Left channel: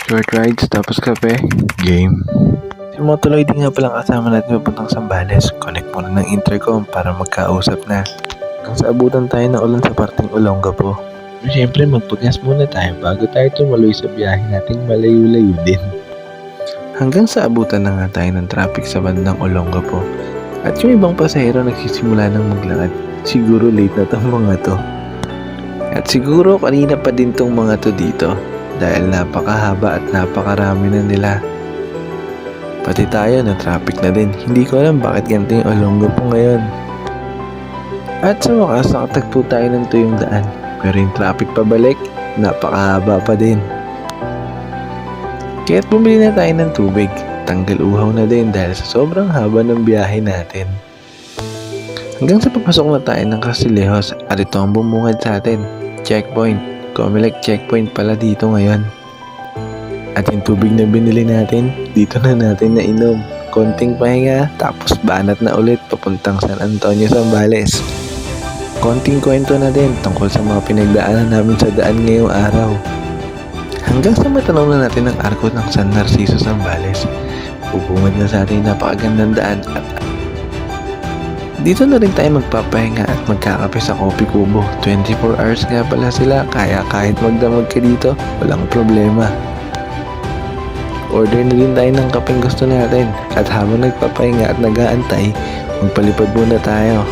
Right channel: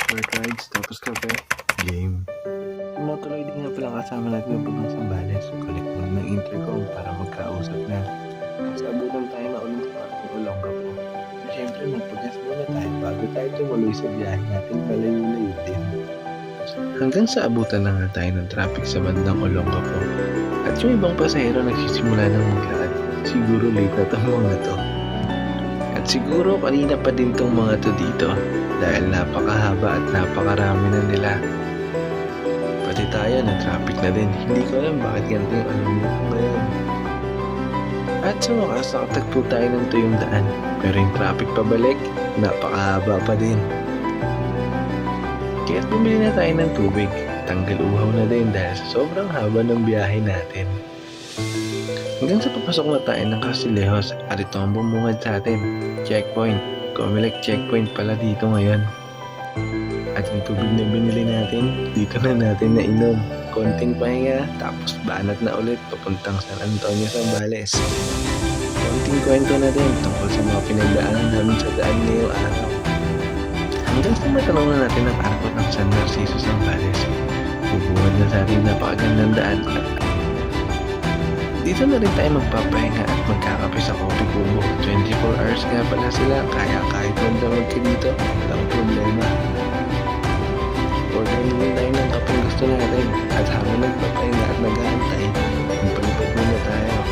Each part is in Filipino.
Short rides, tapos kape, game. Si Motuloy din nga palang kasama natin papuntang Zambales. Connect muna ng intercom para magkausap na. Hanggang sa abutan tayo ng ulan sa parting Olongapo. Pero syempre magpagas muna tayo bago tayo tumuloy sa biyahe nating malayo-layo din. Hanggang sa abutan na nga tayo ng traffic sa bandang Olongapo. At yung ibang pasahero nagsisimula ng maglakad. Siguro late na tong mga to. At siguro kanina pa din tong mga to dito. Dahil napakahaba at napakarami na nila. Pati tayo na traffic na din. Hindi ko alam bakit ganito yung Olongapo ngayon. At sa wakas nakatagpo tayo ng tuyong daan. Pero yung traffic pabalik, napakahaba pa din. Kaya't bumili na tayo ng tubig. Tanggal uhaw na din dahil sa sobrang haba ng biyahe natin. Hanggang sa papasok na tayo ng Castillejos at ito ang bumungad sa atin. Checkpoint. Comelec checkpoint pala dito ngayon. At yung tubig na binili natin, dito na natin nainom. Konting pahinga, tapos banat na ulit papuntang San Antonio, Zambales. Konting kwento na din tungkol sa mga pinagdaanan namin sa daan ngayong araw. Hanggang sa matanaw na natin ang arko ng San Narciso, Zambales. Bubungad na sa ating napakagandang daan at dito na rin tayo magpapahinga at magkakape sa Coffee Kubo. 24 hours nga pala sila, kaya kahit magdamag ka dito, walang problema. Order na din tayo ng kapeng gusto natin at habang nagpapahinga at nag-aantay, magpalipad muna tayo.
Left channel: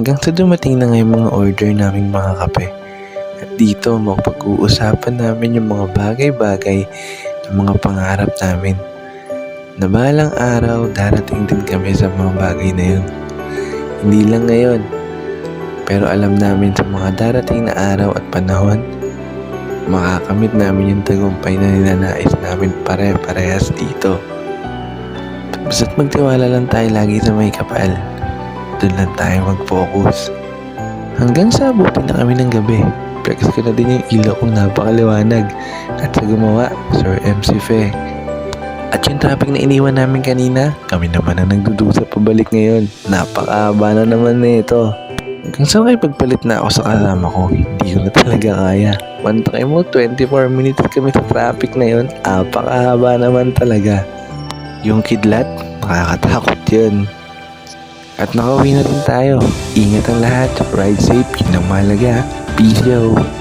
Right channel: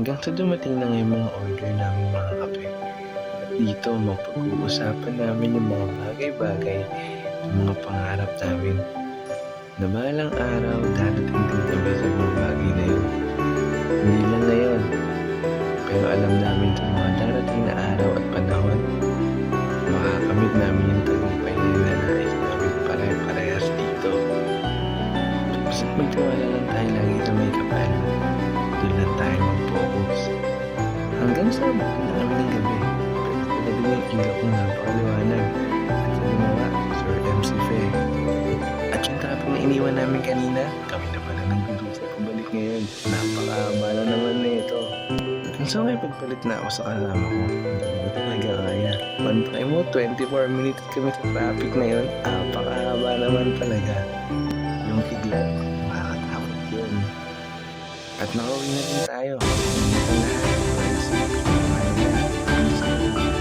Hanggang sa dumating na ngayong mga order naming mga kape. At dito mapag-uusapan namin yung mga bagay-bagay ng mga pangarap namin. Na balang araw darating din kami sa mga bagay na yun. Hindi lang ngayon. Pero alam namin sa mga darating na araw at panahon, makakamit namin yung tagumpay na ninanais namin pare-parehas dito. Basta't magtiwala lang tayo lagi sa may kapal. Doon lang tayo mag-focus. Hanggang sa abutin na kami ng gabi. Flex ko na din yung ilaw kong napakaliwanag. At sa gumawa, Sir MC Fe. At yung traffic na iniwan namin kanina, kami naman na nagdudusa pabalik ngayon. Napakahaba na naman na ito. Hanggang sa pagpalit na ako sa kasama ko, hindi ko na talaga kaya. Pantay mo, 24 minutes kami sa traffic na yun. Napakahaba naman talaga. Yung kidlat, nakakatakot yun. At nakauwi na rin tayo. Ingat ang lahat. Ride safe. Yun ang mahalaga. Peace out.